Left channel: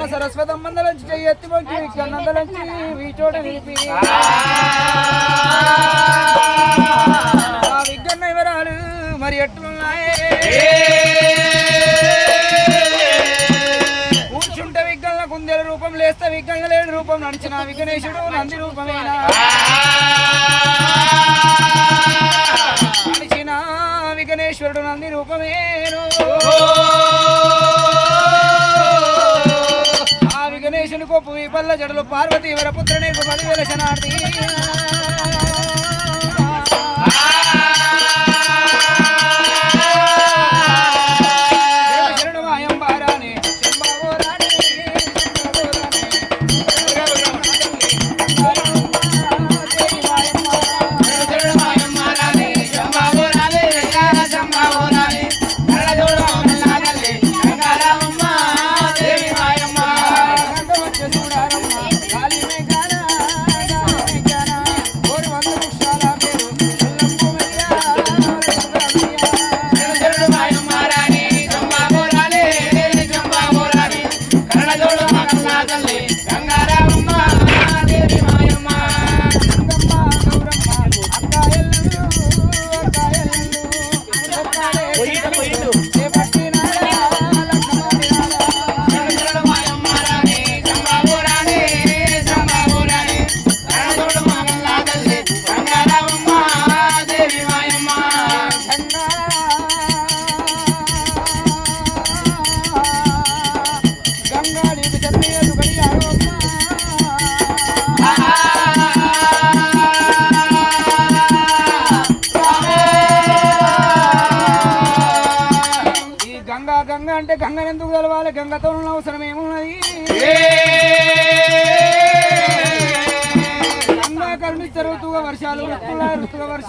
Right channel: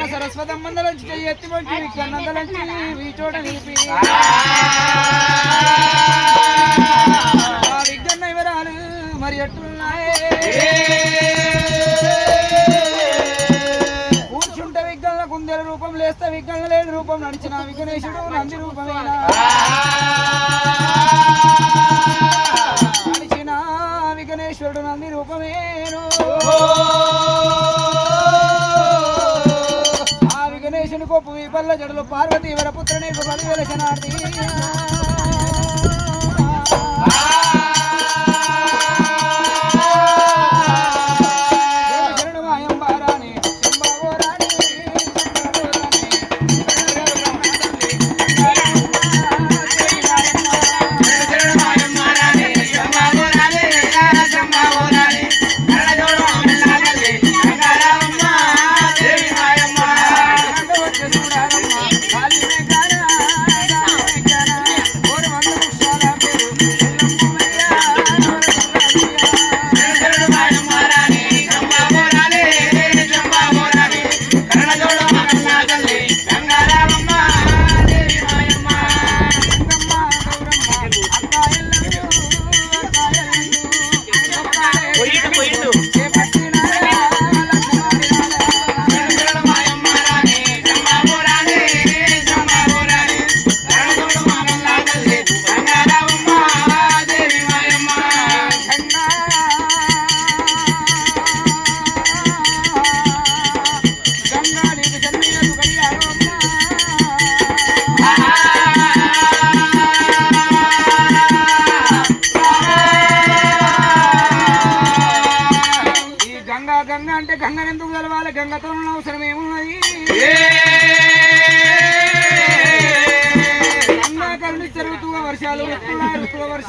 మొక్కి జగత్తులు ఉన్న నుంచి చెయ్యి ఎత్తి మొక్కి కన్నందలంచి ఈ చోట నిలిపి. ఆ విజ్ఞన్న వివరాలు మరి ఎట్లున్నాయే? కూర్చుంటే విజ్ఞాన కుందేల రూపం లేస్తే విజ్ఞాన లేని రూపం నడిచిన విఘ్నేశుడు నంది రూపమేనా? నడిచిన విఘ్నేశ్వరుడు నంది రూపమేను. విఘ్నేశుని కొప్పు ఈ పల్ల జడలు పార్వతి వరపుత్ర నీకు పదివేల శనార్థి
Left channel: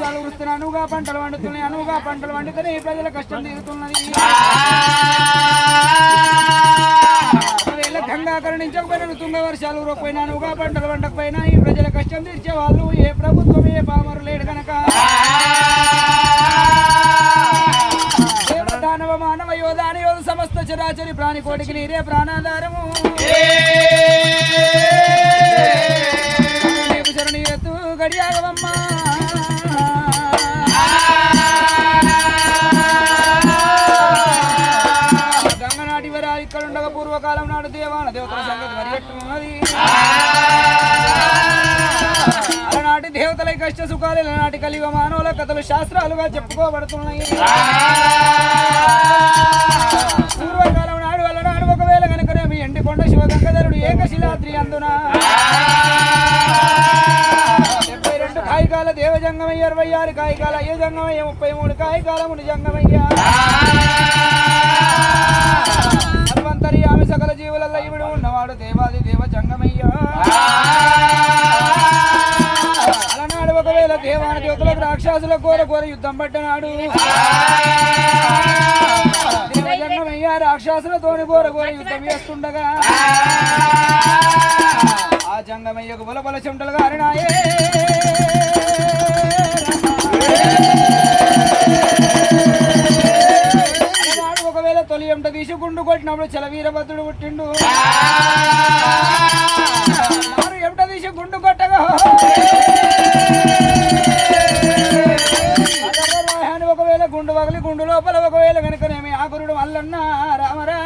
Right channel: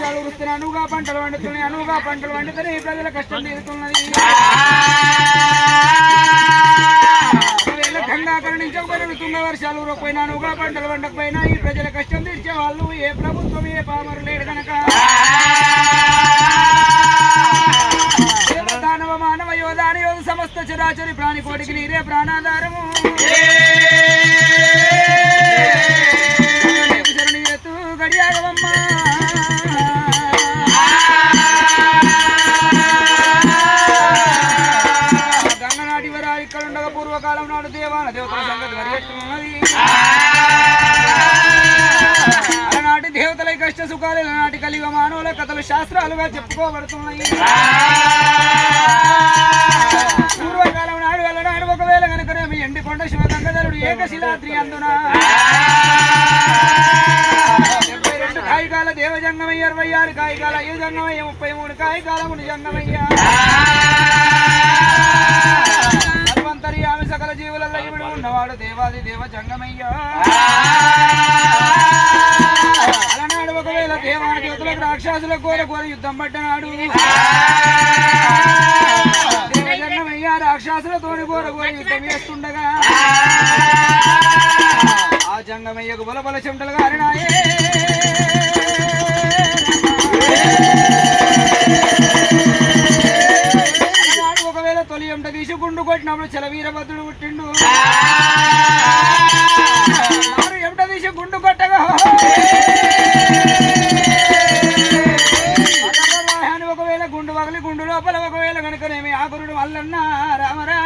ఋతుగా వర్షాలు వస్తున్నాయి అనుగా పంటలు వండుతున్నాయి అనుగా పంటలు వండుతున్నాయి ఈ ప్రజల కష్టం గంగా కరుణించకపోయినా ఋతుంగ వర్షాలు ఊరకపోయినా అనుగా పంటలు వండకపోయినా ఈ ప్రజల కష్టం తీర్చే వాళ్ళు ఏ ప్రభుత్వం ఏ పామరు లేడు గనక. దేవదానవ మానవ యోధాన యోధ సమస్త చరాచరి ప్రాణి కోటికి నీరే ప్రాణాధారము. గడియాగవమ్మా పూర్వకాలం నాడు దేవాల దేవతల సంగతి మరి ఎట్లున్నది? అలనాటి దేవతల కష్ట సుఖాలు నాటి కలిగ మానవుల కథలు శాస్త్రాలుగా చెప్పుకోబడుతున్నాయి. పూర్వకాలం నాడు వెళ్ళనాడు ఒకవేళ కనుకనేమి ఎండి కొండ శివగంగధరుడు ఏకశిలాద్రి అందున. డెబ్బై రెండు కాయికాల దేవజంగమయ్య ఇరవై ఆరు కాయికాల అయ్య జంగమయ్య ముప్పై మూడు కాయికాలమును జంగమయ్య ఉన్నవాడు దేవాది దేవ జంగమయ్య. అలనాడు ఒకవేళ దేవాని దేవతలకు రాక్షసుల కోర కోర యుద్ధం పట్టనాడు దేవజంగమయ్య రాక్షసులతోని కోర కోర యుద్ధం చేస్తుండగా. ఆ జంగమయ్యకు బల బల చెమటలు గారినాయే. అలనాడు తొలి ఎంట తీసి గుండు కొట్టినప్పుడు చల వీరభద్రుడు పుట్టిండు. ఎంట తీసి గుండు కొట్టగా ఒకవేళ గుండు పగలి గుండు లోపల ఒకవేళ కనుకనేమి ఆ గురుడు రామరా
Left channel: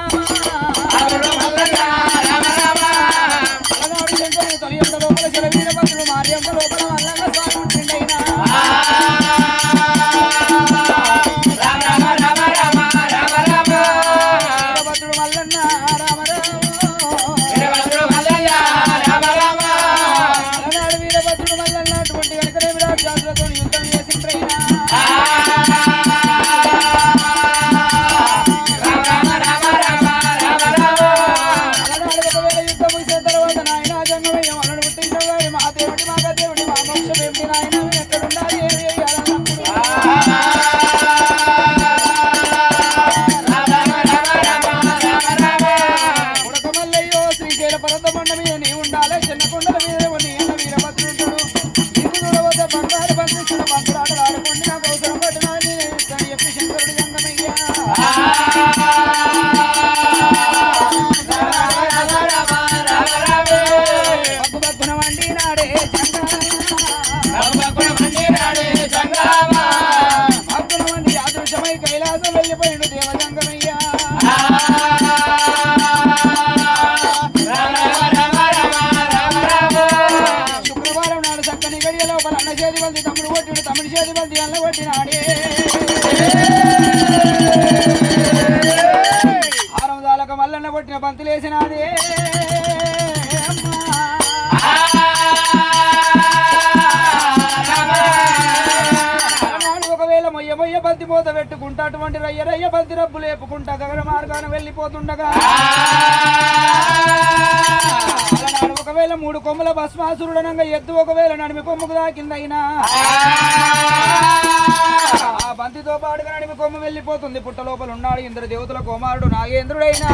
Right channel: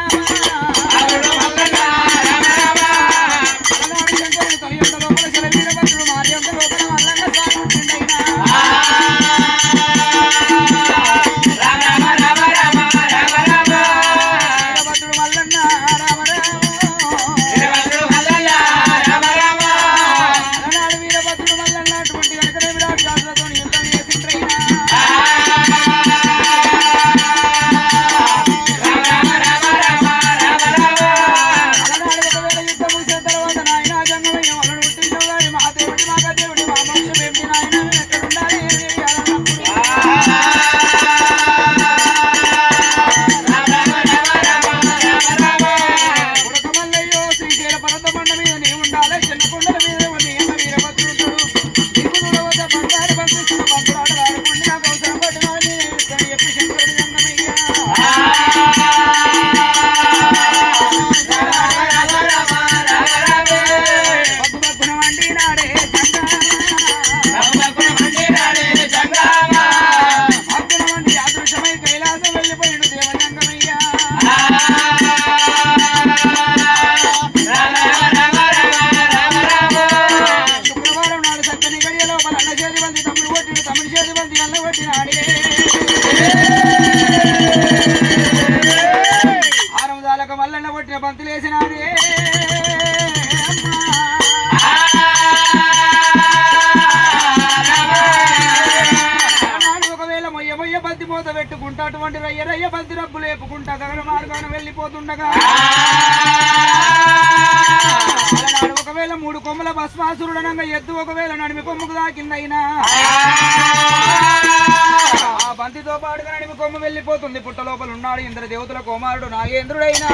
కొట్టిన ఒకవేళ మొయ్య మొయ్య బంతి మూత పెట్టుకుంటా అటువంటి రయ్య రయ్య బంతి రబ్బు లేపుకుంటా గగన మార్గాన వెళ్ళిపోతుండగా. ఒకవేళ మూడు కొమ్మల భస్మాసురుడనంగా ఎద్దు ఒకవేళ నడిమి కొమ్ముకు దాకిందైనా బంతితో పాడుగా నడిమి కొమ్ము వెళ్ళిపోతుంది. పుట్ట లోపల ఉన్నాడు ఇంద్ర దేవతల కుమారుడు నాగేంద్రుడైనా.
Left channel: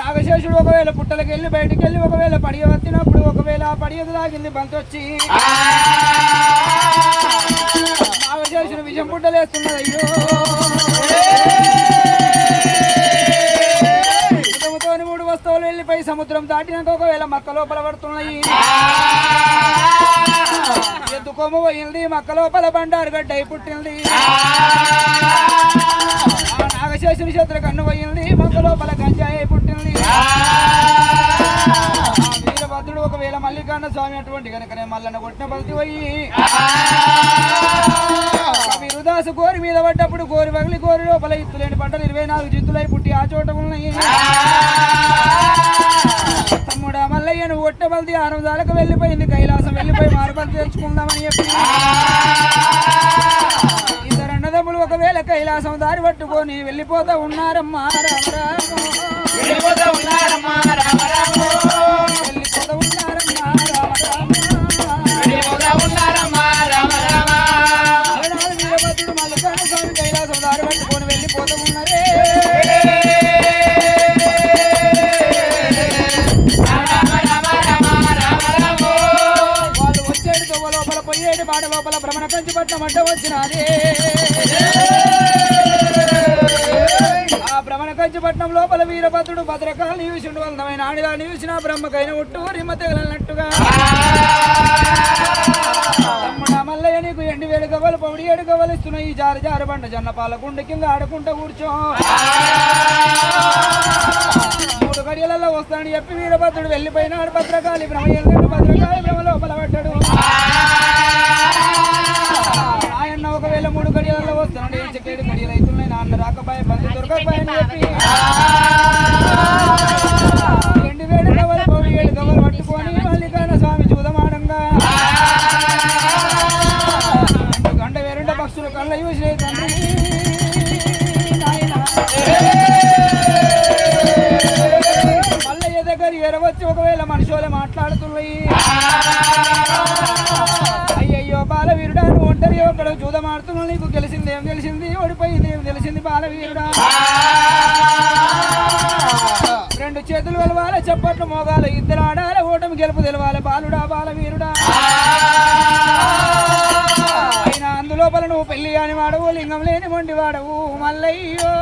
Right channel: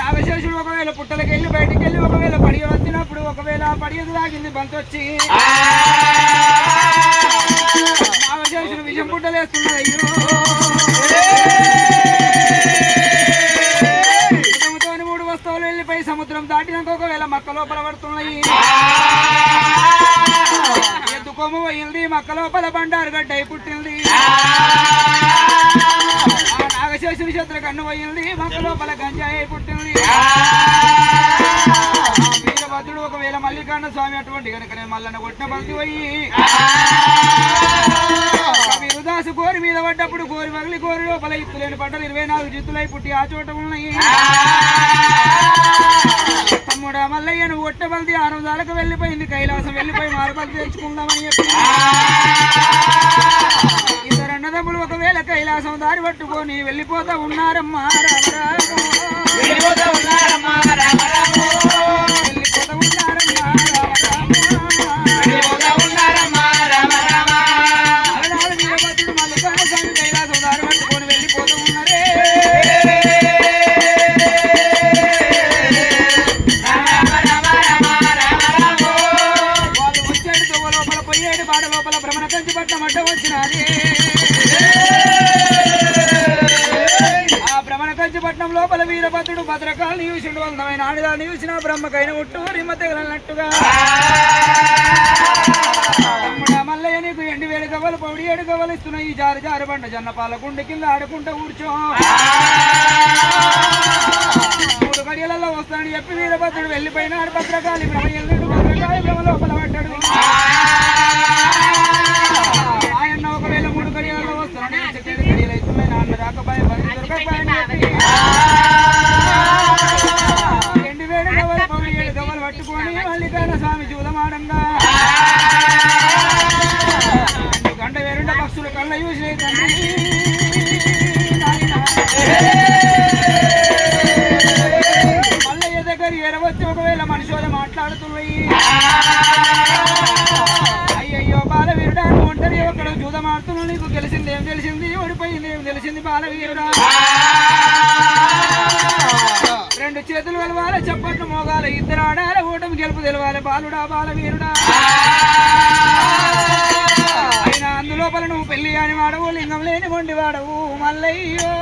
నాగశేషుడు ఒకవేళ పుట్టలకి వెళ్ళి బయటికి వెళ్ళి ఒకవేళ పడియ వచ్చినప్పుడు ఒకవేళ పడియదు దాగింది బంతి వచ్చి. నాగశేషుడు విషం పుట్టలేస్తున్నాడు. అయ్యో. మూడు వస్తువులు వెళ్ళిపోయి సముద్రం దాటినాక ఒకవేళ మక్క లోపల పడుతున్నాయి. కొమ్ము పోయింది మక్క లోపల బండారు గడ్డ పుట్టింది. నాగశేషుని చేతుల కన్ను పోయింది మక్క లోపల గంజాయి పుట్టింది. వీరభద్రుడు ఒకవేళ మల్లికార్ణ స్వామి అటువంటి కనుకనే మల్లన్న కొట్టిన భక్తి పోయి విరుదాసు కోరి మీద పడ్డప్పుడు కోరి వగిలి కోరి లోపల ఇత్తులేని పంటలు ఇరవై నాలుగు జిత్తులై పుట్టి ఆ చోట ఉన్నాయి. తమ్ముడా మల్లయ్యను నువ్వు ఒట్టబల్ది ఆరు వెళ్ళిపోయింది కైలాసం వెళ్ళిపోయి మారుబలి తెచ్చుకుందామని చెప్పి. ఇద్దరు అన్నదమ్ములు ఒకవేళ కైలాసం దారి పట్టుకొని వెళ్ళిపోతా ఉన్నారమ్మా రామరామ పట్నం లోపల వీరభద్రుడు భద్రకాలు నీవిసిండు. అందమైన ఆడిగా నీవిసిన బ్రహ్మకైన ఒట్టు రిమ్మ తెగలన్నట్టుగా మల్లయ్య నీకు ఎండి వేడి గవ్వలు పౌడి ఏడు గవ్వలు ఇస్తున్నాయి. ఈ జారి జారి బండ జన్న పాల గుండె కింద ఆడుకుంటూ కూర్చో. మూడు గడియలలో వస్తానని చెప్పి వీరభద్రుడు వెళ్ళిపోయినాడు. భద్రకాళి బ్రహ్మ ఎల్లుడు భద్రకాళి బ్రహ్మ లోపల పడ్డాడు. ఆయన ఒకవేళ మూడు గడియలలో వస్తానని ఏడు పట్టుకొని స్వామి చూదమాడంగా గంట వేరుండ పక్షులు కళ్ళ చూసి. మల్లయ్య దగ్గర ఎరవచ్చి ఒకవేళ మనుషులు మాట్లాడుతున్నాయి ఒకడు జూదమాడుతున్నావు నీకు గెలిచింది ఏం తెలిసింది ఓడిపోయింది ఏం తెలిసింది బాలవీరుడా. రెండు చేతులు వెలవాలి చప్పట్లు మోగాలి. ఇద్దరు ఆడాలి ఓటమి గెలుపు తెలవాలి. బాలుడా బాలవీరుడా. అయినా అందులోపల నువ్వు పెళ్ళి అని వాడవు లింగం లేని మొండి వాడవు మల్లయ్యో.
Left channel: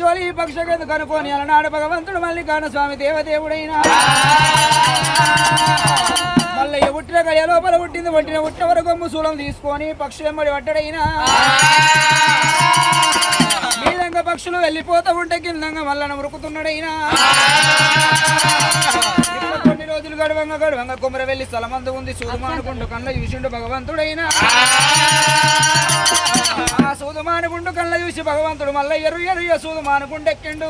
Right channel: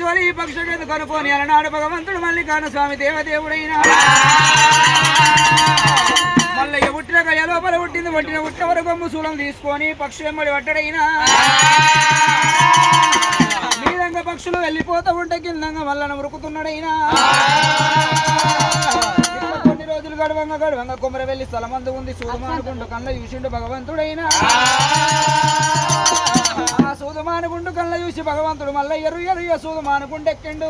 జోలి ఈ పక్షులకు ఎందుకు అనుకోని? అలనాడు భగవంతుడు మళ్ళీ స్వామి దేవదేవుడైన. మళ్ళీ ఉట్టిన గడియ లోపల పుట్టింది పుట్టిన పుట్టిన వరకు కొమ్ము తీసుకొని పక్షి వెంబడి పట్టడైనా. మీదంగా పక్షులు వెళ్ళిపోతూ ఉంటే కిందంగా మల్లన ఉరుకుతున్నాడైనా. కొన్ని రోజులు గడవంగా గడవంగా కొమ్మర వెళ్ళి స్థలమందు ఉంది. సూదుమానుకుంటూ కన్న చూసిండు భగవంతుడైనా. చూసి భగవంతుడు మళ్ళీ ఎరు ఎరు సూదు మానుకుండెక్కిండు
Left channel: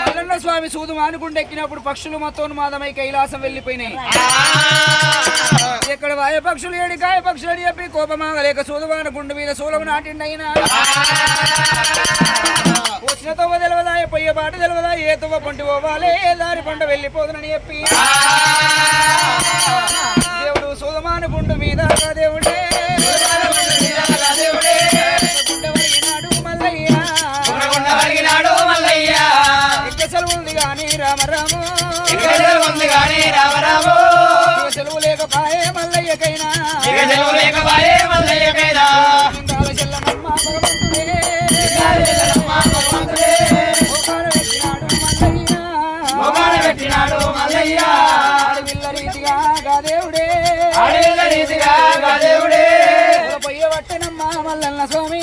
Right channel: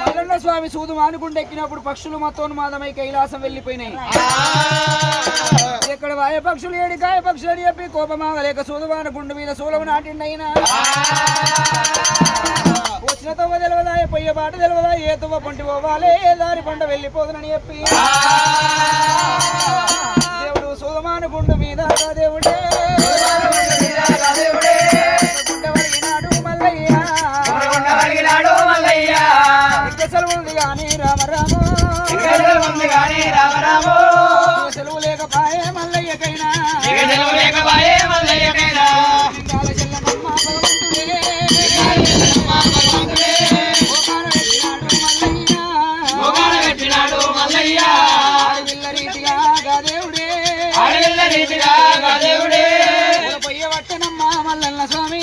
మల్లన్న స్వామి సూదు మానుకుండెక్కినప్పుడు పక్షులు పక్షులు మతోన్మాదమై కైలాసం వెళ్ళిపోయినాయి. ఇక్కడ వాయ పక్షులు ఏడి కాయ పక్షులు అని చెప్పి కోపమాగలేక సూదు మానుకుండు మీద సూలము నాటిండైనా. వచ్చిన తవ్వ తెలవదా పొయ్య పాట తెలవదా ఏ తువ్వ పంటి పోవాలే దారి పంట వెళ్ళిపోదునని చెప్పి. దేవుడు సూదమానుకుండు మీద దేవుడే. సెలవు లేకపాయే మల్లయ్యకైనా. లింగాల చెల్లమ్మ మల్లన్న స్వామి.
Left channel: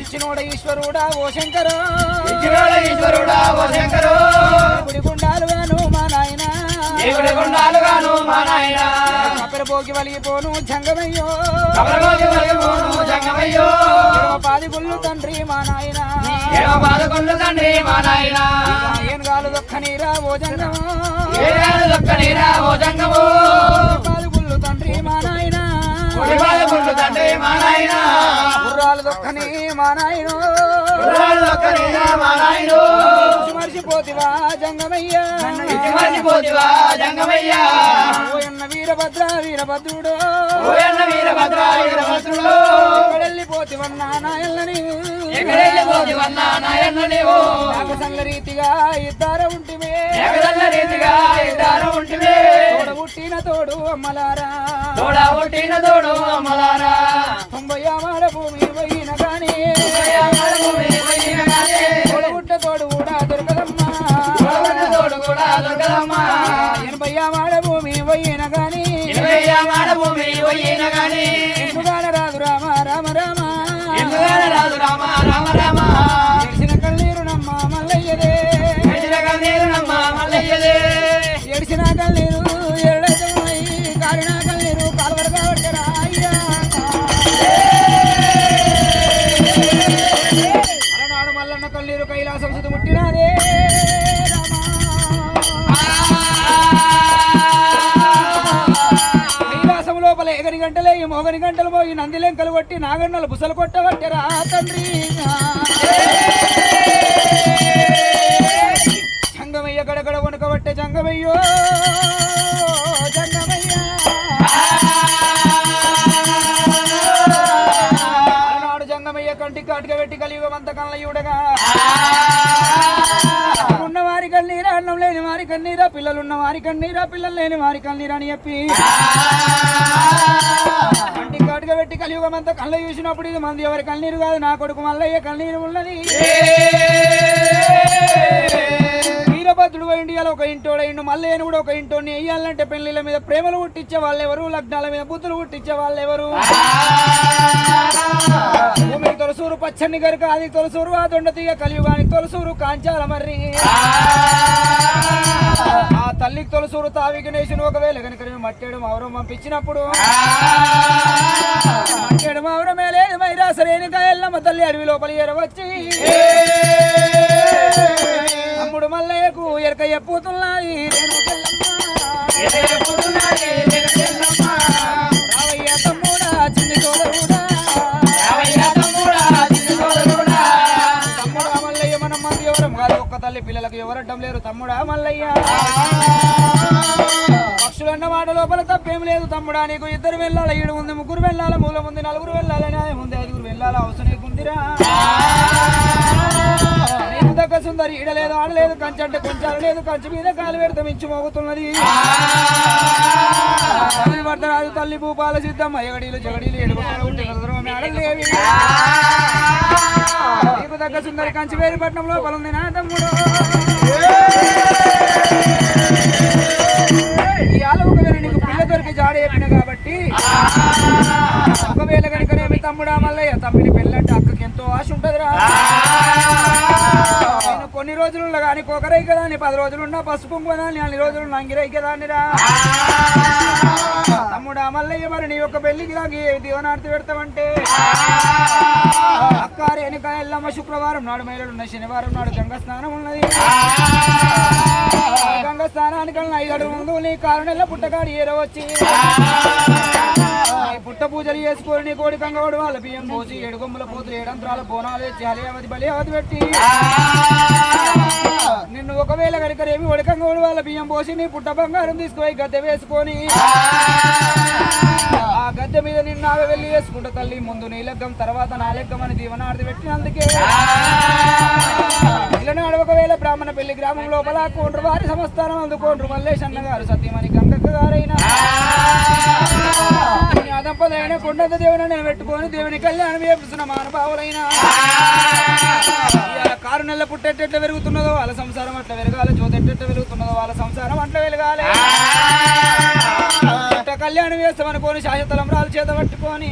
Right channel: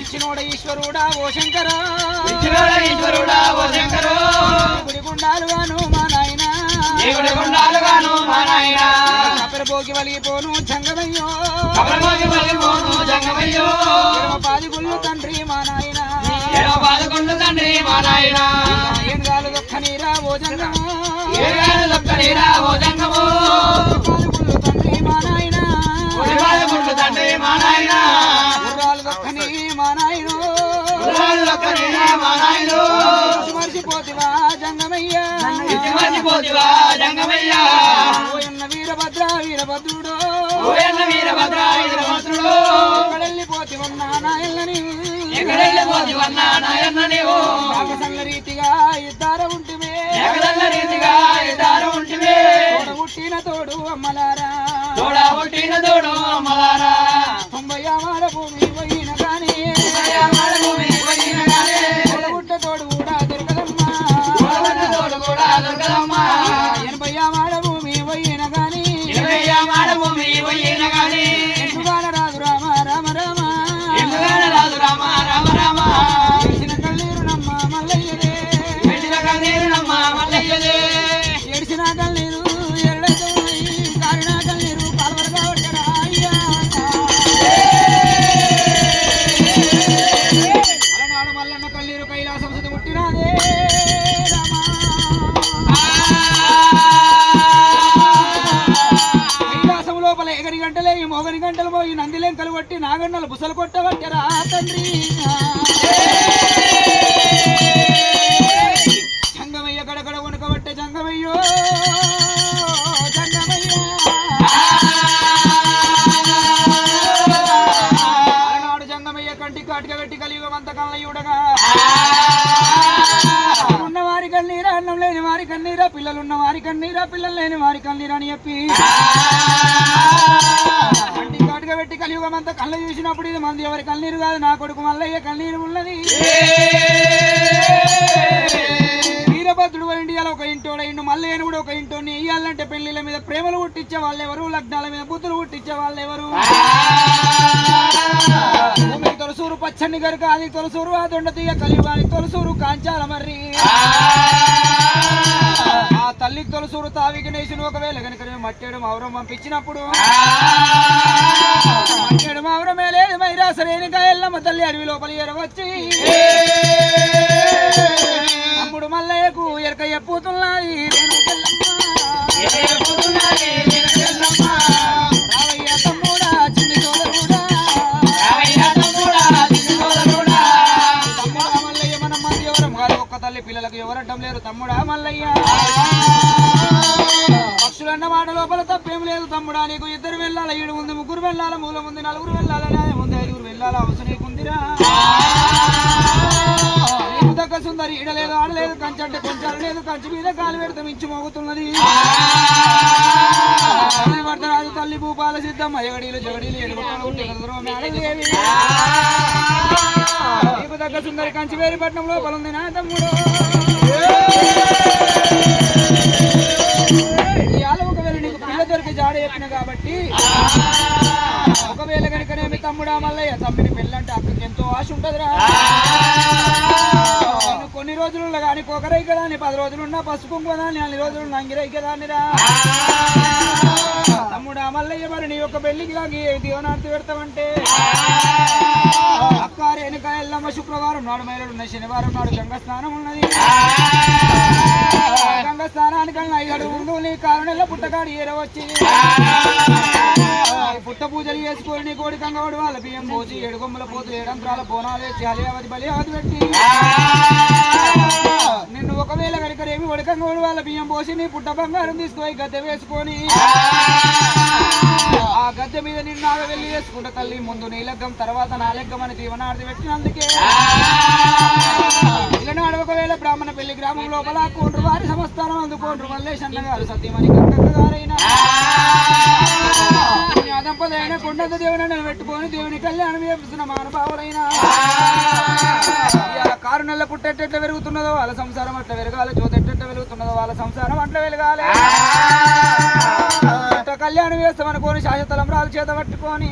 ఇచ్చినోడ ఈశ్వరుడా ఓ శంకర. ఈశ్వరుడా ఓ శంకరు. గుడి గుండాలుగాను మా నాయన. మా నాయన. కపెరబోకి వలిగిపోను జంగమయ్యో. జంగమయ్యో. పాది గుళ్ళు తండ్రి మా నాయన. బాధకొండు తండ్రి మా నాయన. ఏనుగాలు దొక్క నీరా ఓ జంగమో. ఏడాడు దొక్కనిరా ఓ జంగము. పాది గుళ్ళు తండ్రి మా నాయన. దొక్కనిరా మా నాయను మర్చిపోతివా జంగమయ్య. ఇచ్చి మర్చిపోతివా జంగమయ్యా. ఓయన్న వీరభద్ర వీరభద్రుడు. ఓయన్న వీరభద్ర వీరభద్రుడు. ఎక్కడెళ్ళిపోతివన్నా నాయనని ఎక్కడెళ్ళిపోతివన్నా నాయన్న నీవు నాకు సంగ రీతిగా ఇద్దరు ఉంటివే ఎగదల్ల రీతిగా ఇద్దరు ఉంటివే తోడ పుట్టిన తోడు అమ్మలారా. తోడ పుట్టిన తోడు భూమి పోయిన గంటలే ఈ మోగని గంటలు పోయి నందిలేం కలుగొట్టి నాగన్నలు బుసలు కొట్టవట్టరా తండ్రి. జంగమయ్య గడగడ వణకబట్టే జంగమయ్యో జంగమయ్య. అలనాడు జంగమయ్య కంటి కాటిగా పెట్టి కలియుగమంత కళ్ళయుడగా ఉన్న వారి కన్నీరా పిల్లలున్న వారి కన్నీరా పిల్లలు లేని వారి కన్నీరా అని చెప్పి. కంటి కాటుగా పెట్టి కలియుగమంతా కళ్ళ చూసినప్పుడు ఇది మంది ఎవరి కన్నీరు కాదు నా కొడుకు మల్లయ్య కన్నీరు ఉన్నది. వీరభద్రుడు ఇండియాలో ఒక ఇంటోడ ఇండు మల్లయ్యను కూడా ఒక ఇంటోని వేయాలంటే పెళ్ళిళ్ళ మీద ప్రేమలు పుట్టించే వాళ్ళెవరు లగ్నాల మీద బుద్ధులు పుట్టించే వాళ్ళెవరు? ఎవరు పచ్చని గరుక అది తొలసూరు ఆ దొండ కలియుగాని తొలసూరు కాంచాల మర్రి ఆ తల్లికి తొలసూరు తావికి నేసిన ఒకవేళ కనుక మట్టేడు మౌరం పంపించినప్పుడు మట్టేడు మౌరమే లేదు మైరాసలేని కాయల్లమ్మ తల్లి అడవి లోపల ఎరవచ్చి అమ్ముడు మల్లయ్యకు ఎరక ఎప్పుతున్నది తల్లి ఎవరడ్డం లేరు? తమ్ముడా మల్లయ్య. పక్షులన్న మాట లోపల తప్పేం లేదు తమ్ముడా. నీకు ఇద్దరు వెళ్ళాల? ఏడు ఉంది ముగ్గురు వెళ్ళాల? మూల ఉంది నలుగురు వెళ్ళాలని అది ఉంది ఐదుగురు వెళ్ళాల? అవసరం నీకుందిరా. నీకు దక్క సుందరి ఈడలేదు ఆడలేదు కంచంటే కొంచాలు లేదు. కంచి మీద కాలు పెడత మించి మోగుతున్నది. తల్లి వర్ధరాజు తల్లి భూపాల సిద్ధమ్మ. ఎగడీలు జగడీలు ఎడుగుతారు మేడలేవి నీకు దగ్గర సుందరి కంచి వేరి నా తమ్ముడు. ఇవాళ ఒకవేళ నీకు పిల్ల దొరికి జాడ చెప్పిన కాబట్టి ఒకవేళ కనుకనేమి తమ్ముడా మల్లయ్య తమ్మిని పెళ్ళంటే అక్కకి ఎంతో ఆశ ఉంటదిరా. నేను కొన్ని రోజులు కానీ కొకరై కదా అని పది రోజులున్నా పసుపు కుంకుమ అన్ని రోజులు నంగిరై కదా అనిరా తమ్ముడా మల్లయ్య మరి నీ యొక్క పెళ్ళికి లాగి దీవనార్తి పెడతామంటే రేణుక శుక్రవారం నాడు మహిళలు ఉన్నాయి. శనివారం నాడు గంగ స్నానం ఉన్నది. గంగ స్నానానికల్లా ఐదు అడుగు ముందు నీ కారు పుట్టగాడు ఏరవచ్చి పుట్ట పూజలు చేసుకొని నీ కోడి కంగవాడు వాళ్ళ బియ్యం పోసి ఏడు కొమ్ముల పోతులు ఏడంత్రాల బోనాలు వేసి హలియావతి బలియావతి పెట్టి. నిన్ను ఒకవేళ కనుకరేమి ఒడికంగోడు వాళ్ళ బియ్యం పోసి నీ పుట్ట బంగారం తీసుకుపోయి గద్దె వేసుకొని. గద్దె మీద నిన్ను వెళ్ళి వేసుకుంటా తల్లి ముందు నీ లగ్గం తర్వాత నా లగ్గం అని దీవనార్థి పెట్టినందుకే. ఇలనాడు ఒకవేళ బ్రాహ్మణ పెళ్ళి గ్రామం లోపల కోండ్రు వారి సంస్థానం అందుకోండ్రు మల్లేష్ అన్న గారు సత్యమణి గంగక్క గారైనా. ఆ! దంపతులైన కొండంత దేవుని పెట్టుకొని దేవుని కళ్యాణం చేపిస్తున్న మానపావులైనా ఇవాళ కారు నెల పుట్టెట్టెట్ల పెరుగుతున్నదో వాళ్ళ సంసారం అట్లా పెరగాలి జ్యోతెట్టెట్ల పెరుగుతున్నదో వాళ్ళ సంసారం అట్లా వెలగాలి కళ్యాణం చేస్తామనుకోని శాశ్వత తలంబ్రాలు చేత పట్టుకొని